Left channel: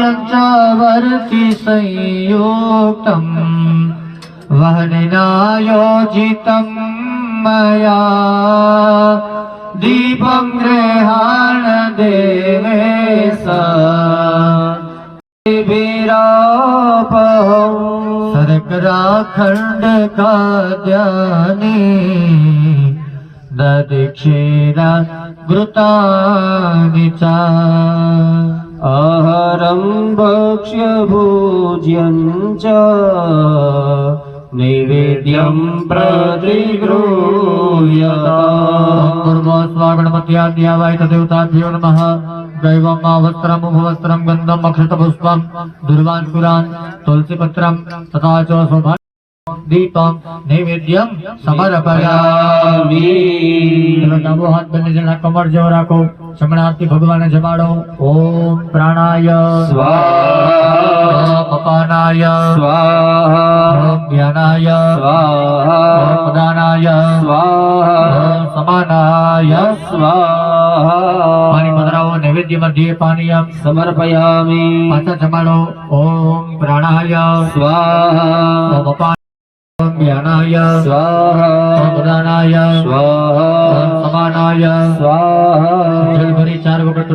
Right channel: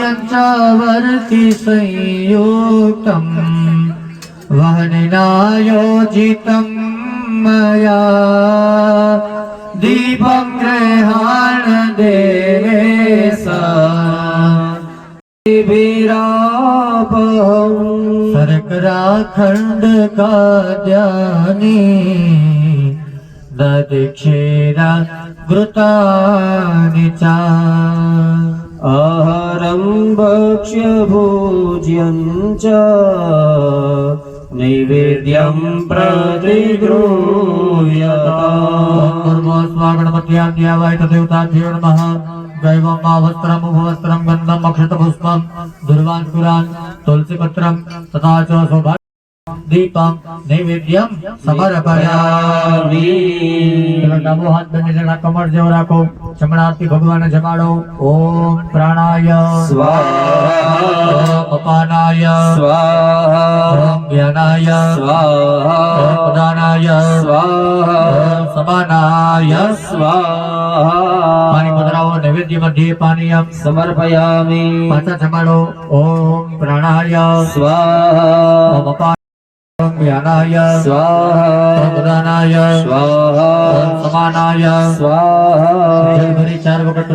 यञ्चावर्ति संयोक्तम् वह्निनायोजितम् मया दीपं गृहाण देवे सिबेरापौ शरकराखण्डकाद्यानि ददीक्षिरा वृतानि च। आहारं भक्ष्यभोज्यं च नैवेद्यं प्रतिगृह्यताय देवताभ्यो नमः। दैवं वा वस्त्रम् उपवस्त्रं गन्धम् अक्षतपुष्पं दुर्वान्कुरान् तुलसीपत्रं तथा च शोभा दीपं नैवेद्यं समर्पयामि। नमो हाथ बने जना कमर जोरा को જમણાથી ભગવાન જમાડો ઓમ પ્રાણાય स्वाहा ઓમ અપાનાય स्वाहा ઓમ જ્ઞાનાય स्वाहा ઓમ પ્રદાનાય स्वाहा ઓમ સમાનાય स्वाहा પાણી પધરાવો નૈવેદ્ય મધ્યે પાનીયમ समर्पयामि પાછા જમાડો ઓમ પ્રાણાય स्वाहा ઓમ અપાન ઓમ જ્ઞાનાય ઓમ स्वाहा પ્રદાનાય ઓમ स्वाहा સમાનાય स्वाहा જલ ભરી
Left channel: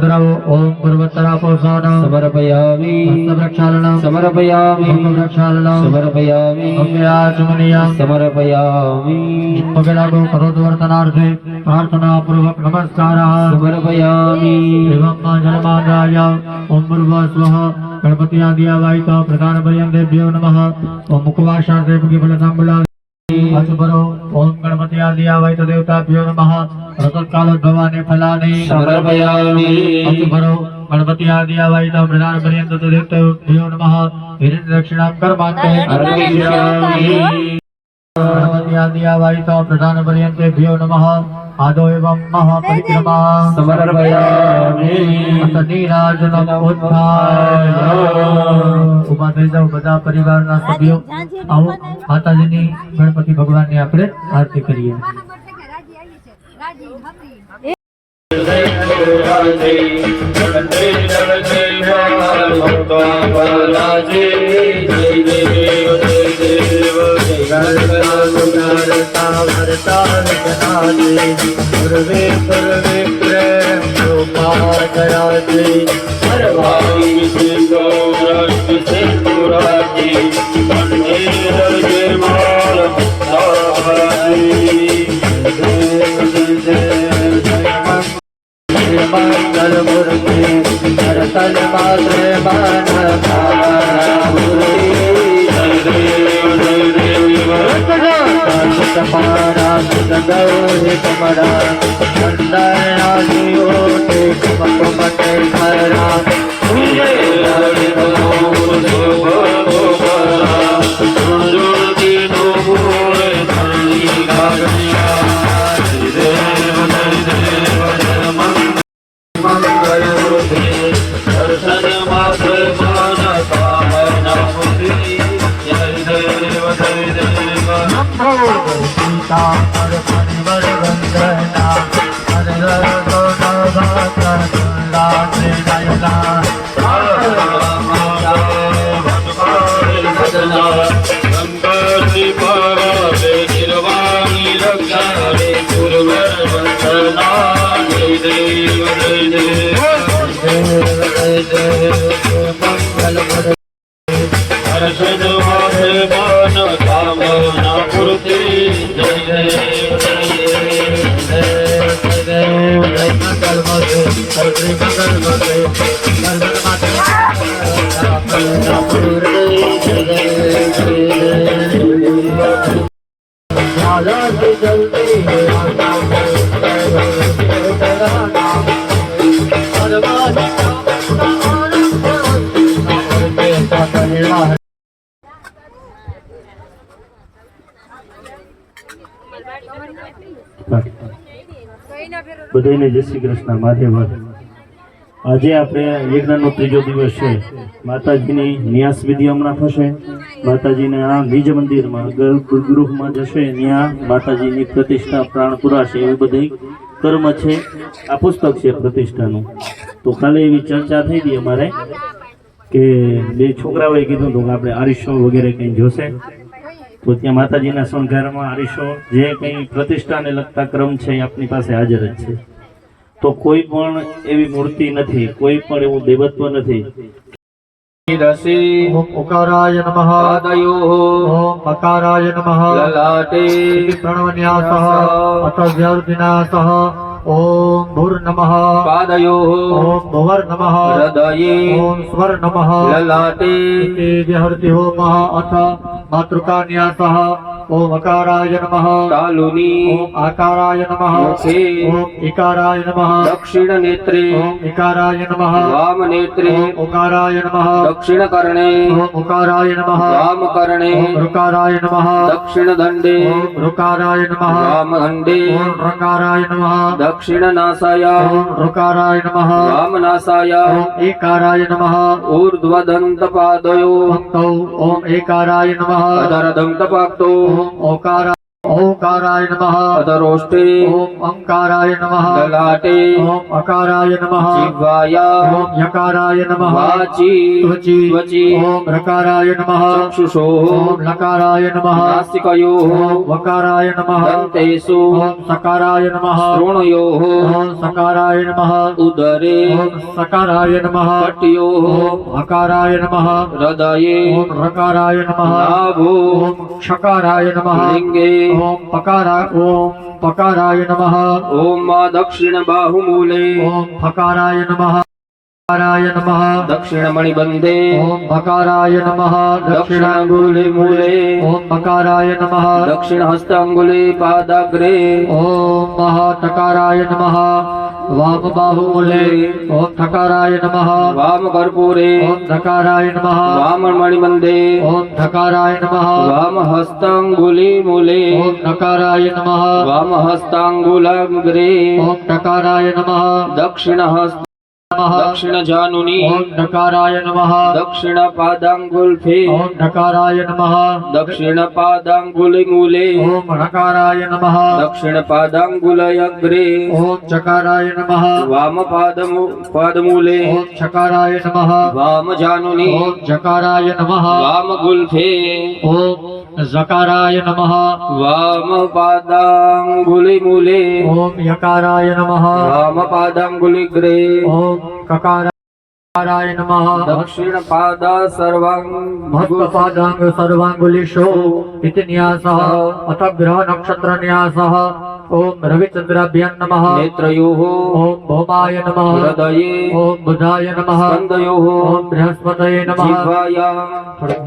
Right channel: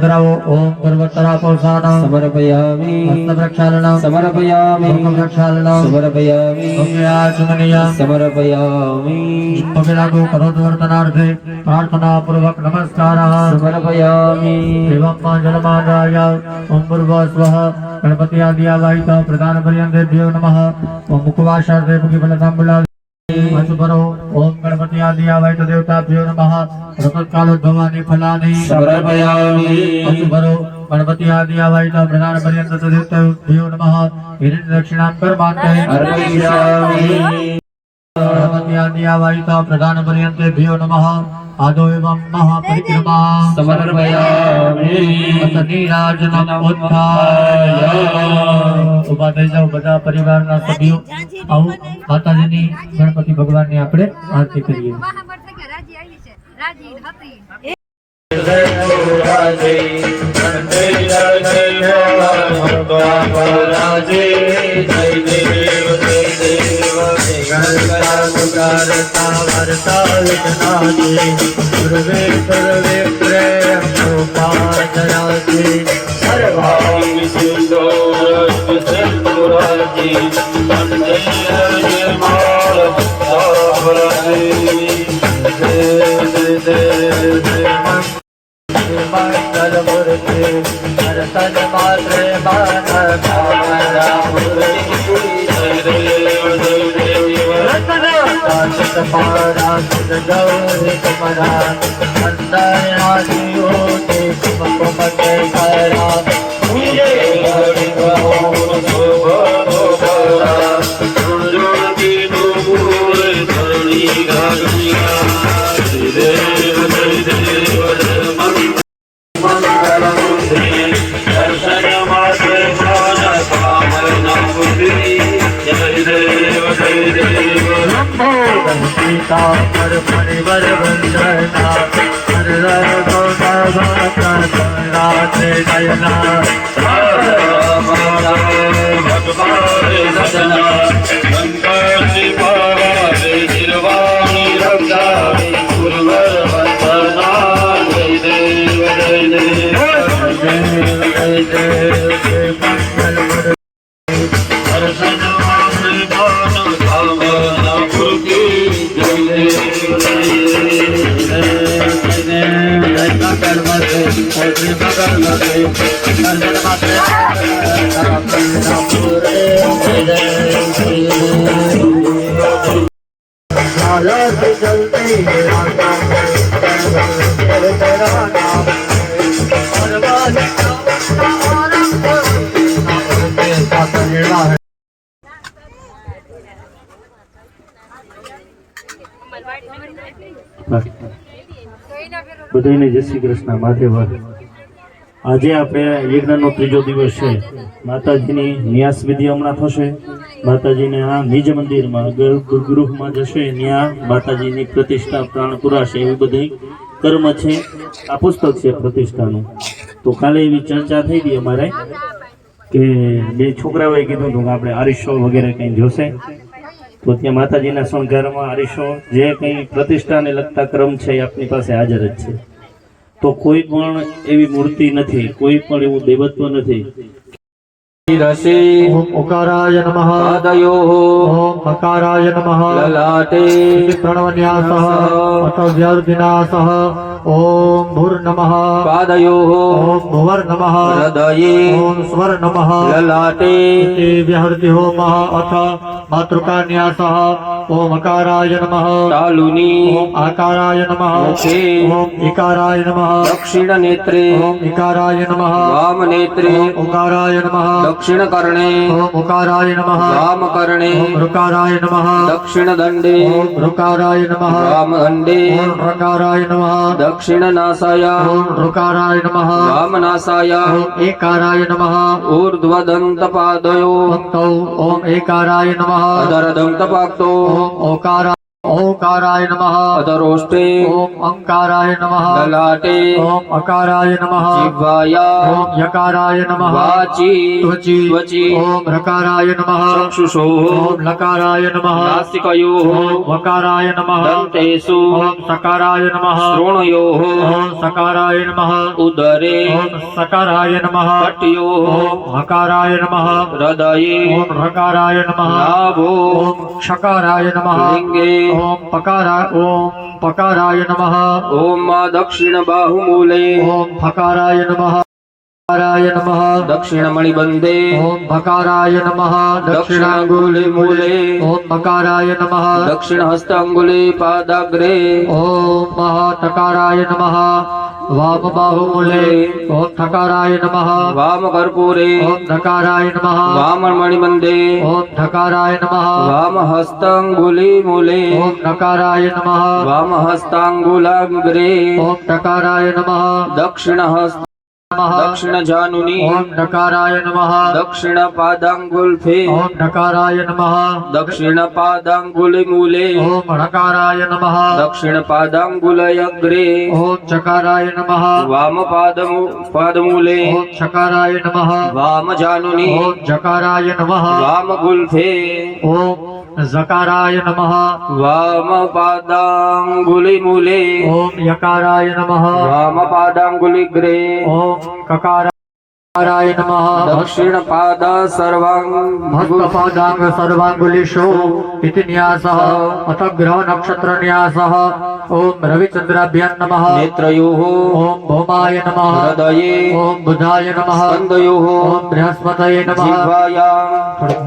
भ्रवो ओम पर्वतरा पोषाणा समर्पयामि। हस्तप्रक्षालनां समर्पयामि। मुखप्रक्षालनां समर्पयामि। अङ्गिराचमनीयां समर्पयामि। जित्पविलागो करोद्वर्तनार्थे प्रार्थना प्रार्थनापूर्वक नमस्कारः। समर्पयामि। एवं मा जलमादाय। ॐ पूर्व स्वः गणपत्या दिया वाहिता प्रधानपर्यन्ते देव नमः। ॐ मुखवाशार्थे मुखिफलताम्बुला मुखवाशार्थेभ्यो भरो अचुपरो ओम गणपति आदियावाहित देवताभ्यो नमः। रतत्कालोद्भवानि भयानी समर्पयामि। भरो गणपति आदि आवाई तो मृणाल पर्यंत तो देवता पर्यन्तेभ्यो नमः। हिरण्य दक्षिणां कर्मान्ते अर्पयिष्यामि। गणपति मृणाल प्रधान पर्यन्तेभ्यो नमः। आदो एवं महापरिक्रमा समर्पयामि નીરાજનમ ઉત્થાય ઉભા થઈ જાઓ બધા પરિવારના સભ્યો આવો માતાજીની ગણપતિ ભગવાનની આપણે આરતી કરીએ કરતા કરતા વિઘ્નાજે ગુરવે સર્વે પ્રેમ மாறா જય શ્રી કૃષ્ણ મહાદેવ આજે આપણે યજ્ઞનો ત્રીજો દિવસ છે. માતાજીની ન્યાસ વિધિ હમણાં થશે. માતાજીને આ નિજ મંદિરમાં ગૃહમાં જશે. ત્યાં માતાજીની પ્રતિષ્ઠા પ્રાણ પુરાશે એવું બધી કર્મ છે, આ પુસ્તક છે પ્રતિષ્ઠાનું. તો કાલે એવી ચર્ચા થઈ હતી અમારે કે બે છોકરાઓએ કીધું હતું કે આપણે આરિશો વગેરે કંઈ જોશે. તો ત્યાં માતાજીના શણગારમાં આરીશો જે કંઈ પ્રતિષ્ઠાને લગતા ક્રમ છે એ આપની પાસે હાજર જ છે. તો કોઈ પણ એવી મૂર્તિ નથી કોઈ પણ એવું દેવત્વ નથી. ઓકારાય નમઃ. આદયો ઓમ અકારાય નમઃ. લલાટે. પ્રણવન્યાસઃ અથ વ્યર્ધિનાસઃ ओम भूर नम ॐ ओम भुवर नम हृदय ओम स्वर नम ललाटे विहृति होम अथ मातृकान्यासः ओम अकाराय नम। कालुनी ओम आकाराय नमः। ओम इकाराय नम। दक्षिण नेत्रे ओम इकाराय नम। वाम नेत्रे ओम उकाराय नम। दक्षिण कर्णे ओम उकाराय नम। वाम कर्णे ओम ऋकाराय नम। दक्षिण दंडे ओम ऋकाराय नम। नमः दंडे ओम ऋकाराय नम। दक्षिणनाशाय ऋकाराय नमः वामनाशाय ॐ एकाराय नमः ऊर्ध्वदन्तपादयो भक्तौ ॐ एकाराय नमः अधरदन्तपाक्तो ॐ ओकाराय ओंकाराय नमः। अधरोष्टे ॐ ओंकाराय नमः। ललाटे। ॐ अकाराय नमः। जिह्वाया ॐ यकाराय नमः। वाचि। त्वचि। त्वचि। ॐ ऋकाराय नमः। चक्षुषोः। ॐ लकाराय नमः। नासिकयोः। ॐ वकाराय नमः। दन्तेषु। ॐ सकाराय नमः। श्रोणयोः। ॐ सकाराय नमः। उदरे। ॐ सकाराय नमः। पट्योः। ॐ हकाराय नमः। हृदये। ॐ रकाराय नमः। नाभो। ॐ क्षकाराय नमः। लिङ्गे ॐ पकाराय ॐ पकाराय नमः। ॐ दक्षिणबाहुमूले ॐ फकाराय नमः। नम। नमः दक्षिणमणिबन्धे ॐ भकाराय नमः। दक्षिणाङ्गुले मूले। ॐ नम। नमः दक्षिणहस्ताङ्गुले पादाग्रे। ॐ महातकाराय नमः। वामबाहुमूले ॐ थकाराय नमः। वामकर्पूरे ॐ धकाराय नमः। वाममणिबन्धे ॐ धकाराय नमः। वामहस्ताङ्गुले मूले ॐ नकाराय नमः। वामहस्ताङ्गुलाग्रे ॐ टकाराय नमः। दक्षिणहस्त नमः दक्षिणजानुनि। ॐ नकाराय नमः। दक्षिणपादाङ्गुल्फे। ॐ नकाराय नमः। दक्षिणपादाङ्गुलिमूले। ॐ णकाराय नमः। दक्षिणपादाङ्गुलयग्रे। ॐ चकाराय नमः। वामपादमू पादमूले। ॐ चकाराय नमः। वामजानुनि। ॐ जकाराय नमः। वामगुल्फे। ॐ सकाराय नमः वामपादाङ्गुलिमूले ओम यकाराय नमः ग्रे ओम ककार ाय नमः दक्षिणपादा सर्वाङ्गपादाङ्ग सर्वाङ्गुलिषो इति न्यासः अथ ग्रहनक्षत्रन्यासः ॐ रविचन्द्राभ्यं नमः नेत्रयोः ॐ भौमाय नमः हृदये ॐ बुधाय नमः स्कन्दयोः ॐ बृहस्पतये नमः जिह्वायां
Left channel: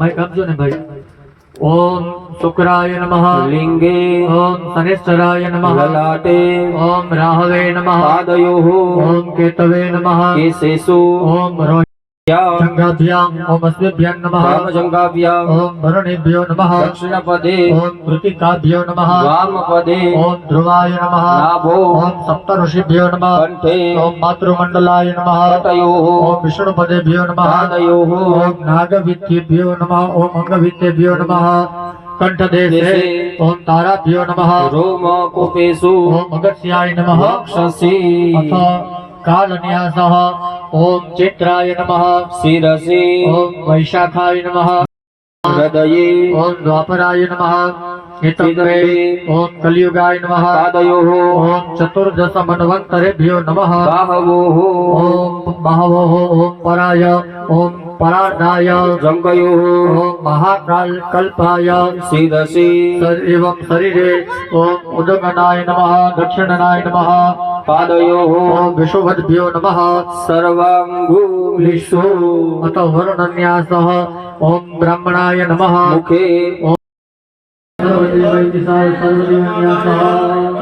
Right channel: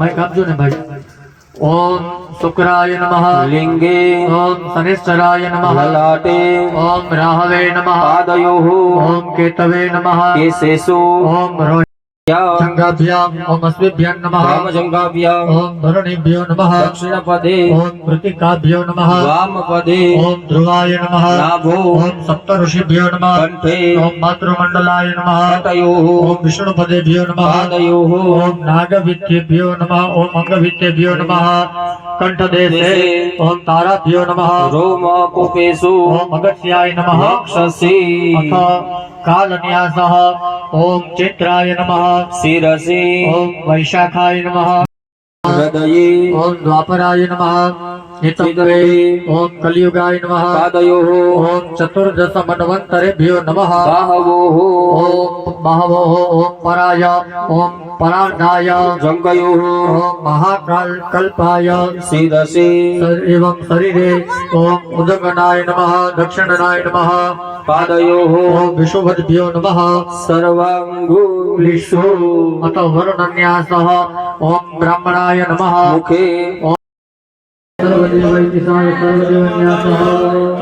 मैं कब जो भाई ओम शुक्राय नमः लिंगे ओम शनिश्चराय नमः ललाटे ओम राहवे नमः पादयोः ओम केतवे नमः केशेषु ओम ङ्गाभ्यामस्मिभ्यं नमः। जङ्गाभ्याम् ॐ भरणिभ्यो नमः। दक्षिणपदे ॐ मृतिकाभ्यो नमः। वामपदे ॐ ध्रुवाय नमः। नाभो ॐ सप्तऋषिभ्यो नमः। कण्ठे ॐ मातृमण्डलाय नमः। तयोः ॐ विष्णुपदेभ्यो नमः। तयोः ॐ नागविद्येभ्यो नमः। नम। अङ्गविद्येभ्यो नमः ओम ताराभ्यो नमः। रोम कोपेषु ओम अगस्याय नम। रक्षसि। कालन्यासः। ओम चित्राय नमः। शिरसि। ओम वैशाखाय नमः। हृदये। ओम द्वापराय नमः। ओम कलियुगाय नम। पादयोः। ओम चतुर्दश मनवंतरेभ्यो नमः। बाहवोः। ओम बहवो। ओम पराय। ओम परार्धाय जङ्गयोः महाकालकल्पाय शर- एवं शरीरे ॐ उदगणाय नमः दक्षिणनाय नमः। पादयोः। विशुभद्भ्यो नमः। सर्वाङ्गुलिषु अत वरुणन्यासः ॐ ब्राह्मणाय नमः। मुखे। सर्वदेवैतिसाय सर्वदेवन्यासः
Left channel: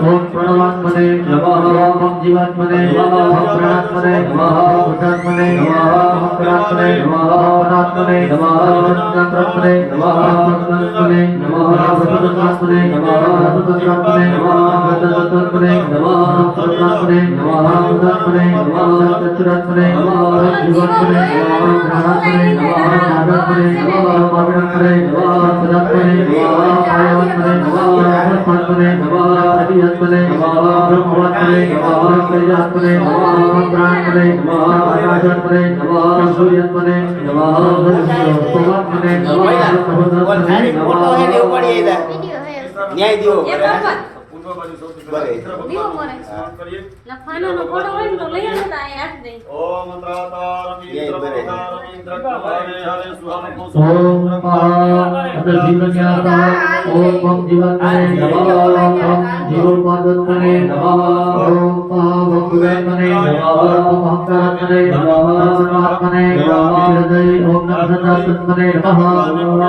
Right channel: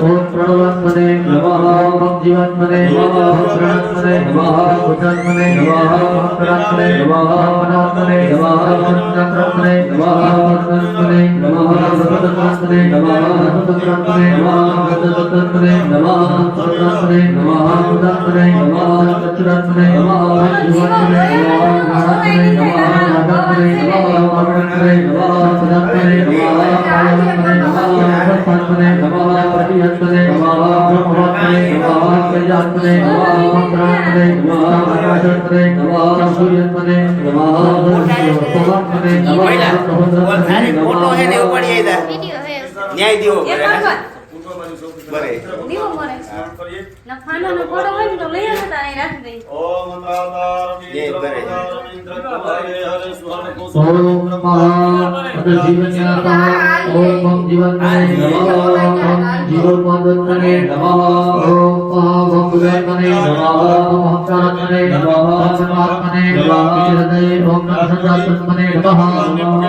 ॐ प्रणवात्मने नमः ॐ जीवात्मने नमः ॐ प्राणात्मने नमः ॐ भूतात्मने नमः ॐ करात्मने नमः मनात्मने नमः ॐ चक्रात्मने नमः ॐ नमः ॐ सततत्मने नमः ॐ सततत्मने नमः ॐ गततत्मने नमः ॐ सर्वात्मने नमः ॐ उदात्मने नमः ॐ चतुरात्मने नमः ॐ जीवात्मने नमः ॐ प्राणात्मने नमः ॐ नागात्मने नमः ॐ पावनात्मने नमः ॐ सदात्मने नमः ॐ कायात्मने नमः ॐ अवस्थात्मने नमः ॐ प्रतिहत्मने नमः ॐ ब्रह्मवात्मने नमः ॐ प्रजात्मने नमः ॐ प्राणात्मने नमः ॐ आकाशात्मने नमः ॐ सूर्यात्मने नमः ॐ भगवात्मने नमः ॐ भगवतात्मने ફોટો હે ને એવું પડી બાજુ સૌથી પહેલા દીવો મને લખાનો નો ફોટો હોય ને તો લઈ આવતા અહીં રાખી દે ઓમ તાતાર મિત્ર તાતાર મિત્ર પ્રભાવે હરે સુહમ કુસુમ અને જીવન્યાતા ઓમ જીવન્યાય નમઃ જીવન પાદોત્તને નમઃ ઓમ ભગવતને નમઃ ઓમ ભક્તાત્મને નમઃ ઓમ આત્મને નમઃ હૃદય ઓમ નમઃ નમઃ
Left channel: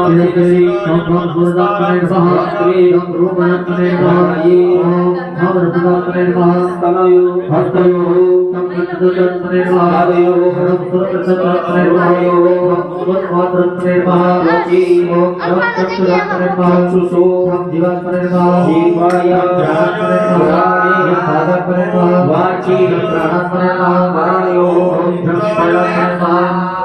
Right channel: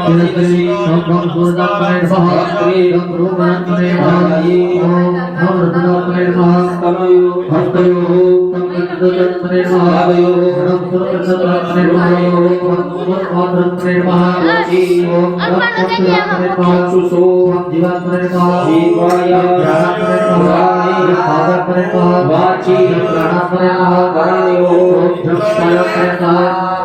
હૃદય ઓમ ભગવતાત્મને નમઃ શ્રી ઓમ રૂપનાત્મને નમઃ रक्तपुरात्मने नमः ओम जीवात्मने नमः जीवाय वाचि प्राणात्मने नमः ओम ब्रह्मात्मने नमः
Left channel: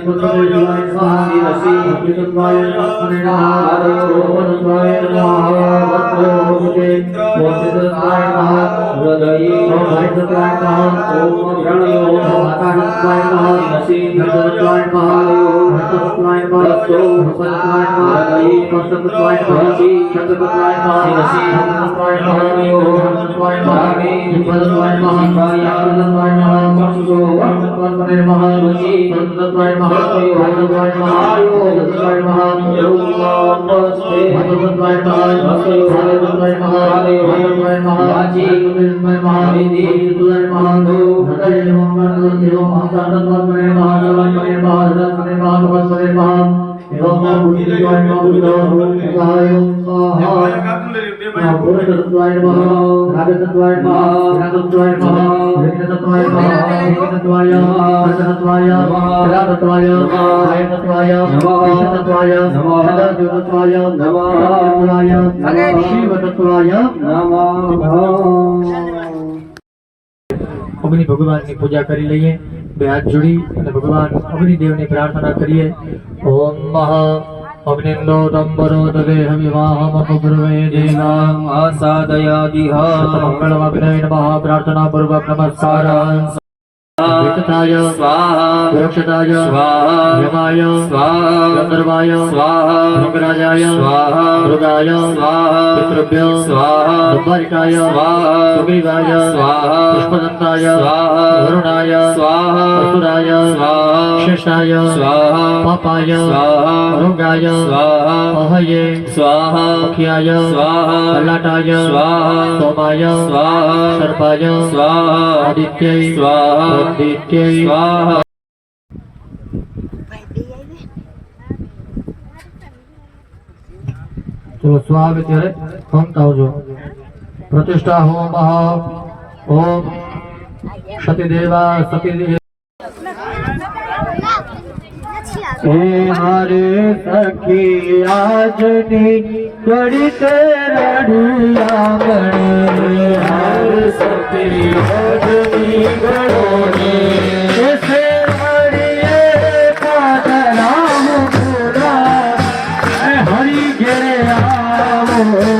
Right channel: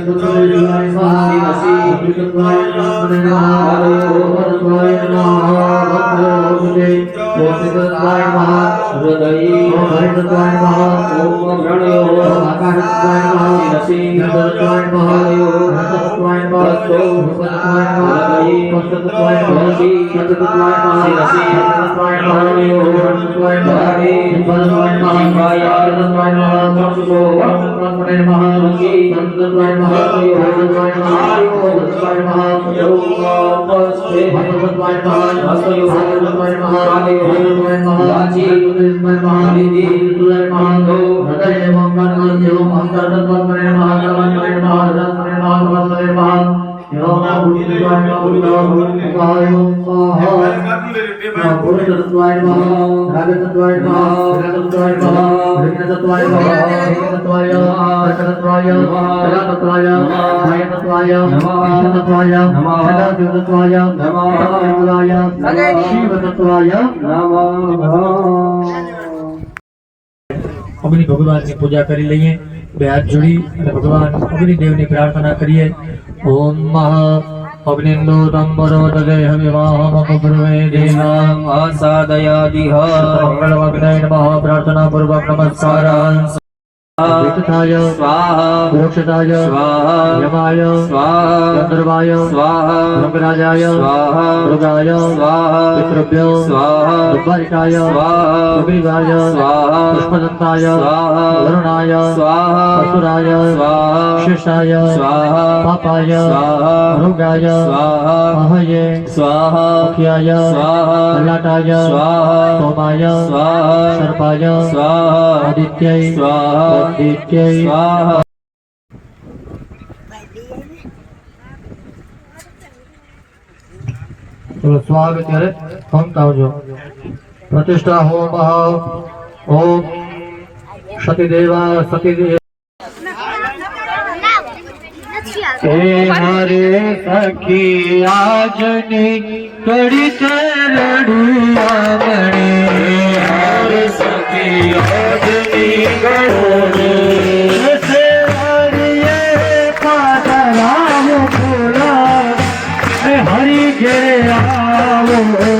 नमः सूर्यपुत्राय नमः ओम विद्वाय नमः ओम वरद्वाय नमः वरद्वाय ओम विद्वाय नमः हृदये ओम हरिद्वाय नमः ॐ प्रणयो ओम आकाशद्वाय नमः गणपतद्वाय नमः हर्षद्वाय नमः रूपद्वाय नमः कष्टद्वाय नमः शतद्वाय नमः हर्षद्वाय नमः ओमद्वाय नमः विपदद्वाय नमः आनन्दद्वाय नमः चक्षुषोत्मने नमः नन्दद्वाय नमः हर्षद्वाय नमः योगद्वाय नमः भगवद्वाय नमः हस्तयोगद्वाय नमः भगवद्वाय नमः वाचीद्वाय नमः विधिद्वाय नमः हृदय एवं कर्म एवं अहंकारद्वाय नमः कलमने नमः हृदयने नमः कमलने नमः एवं बुद्धिद्वाय नमः बुद्धिद्वाय नमः भूतद्वाय नमः रागतद्वाय नमः रागतद्वाय नमः विघ्नतद्वाय नमः विघ्नतद्वाय रचनतद्वाय कलातद्वाय भायतद्वाय ईशतद्वाय सदाशिवतद्वाय नमः शिवतद्वाय અગ્નિ ભગવાનની પૂજા કરી લઈએ બે હાથ જોડી અને ભગવાન અગ્નિદેવની પ્રાર્થના કરીએ ઓમ મહા અગ્નિંદોદંબરોદયમિવાહમગ્રવે દેવામ આસાદયાદિહ મંગળમગ્નૈ નમઃ પ્રાર્થના પૂર્વક નમસ્કારાન वितताय स्वाहा मोक्षदाय स्वाहा यमाय स्वाहा गंधर्वाय स्वाहा मृगराजाय स्वाहा मृगाय स्वाहा पितृभ्यो स्वाहा दुर्वारिकाय स्वाहा सुग्रीवाय स्वाहा पुष्पदत्ताय स्वाहा वरुणाय स्वाहा असुराय स्वाहा शेषाय स्वाहा पापाय स्वाहा मृगाय स्वाहा अहये स्वाहा मुख्याय स्वाहा ललाटाय स्वाहा सोमाय स्वाहा सर्पाय स्वाहा आदित्यै स्वाहा स्वाहा ચલો સ્વાગ ત્યારે ખમતા આવજો પ્રતિષ્ઠા હોમ ઓમ સતીદેવા સતીદેવ નથી આવતું એ મારે સખી આજની કડી તે રડી આંગણે હાર સખી આજની ગળોની Amen.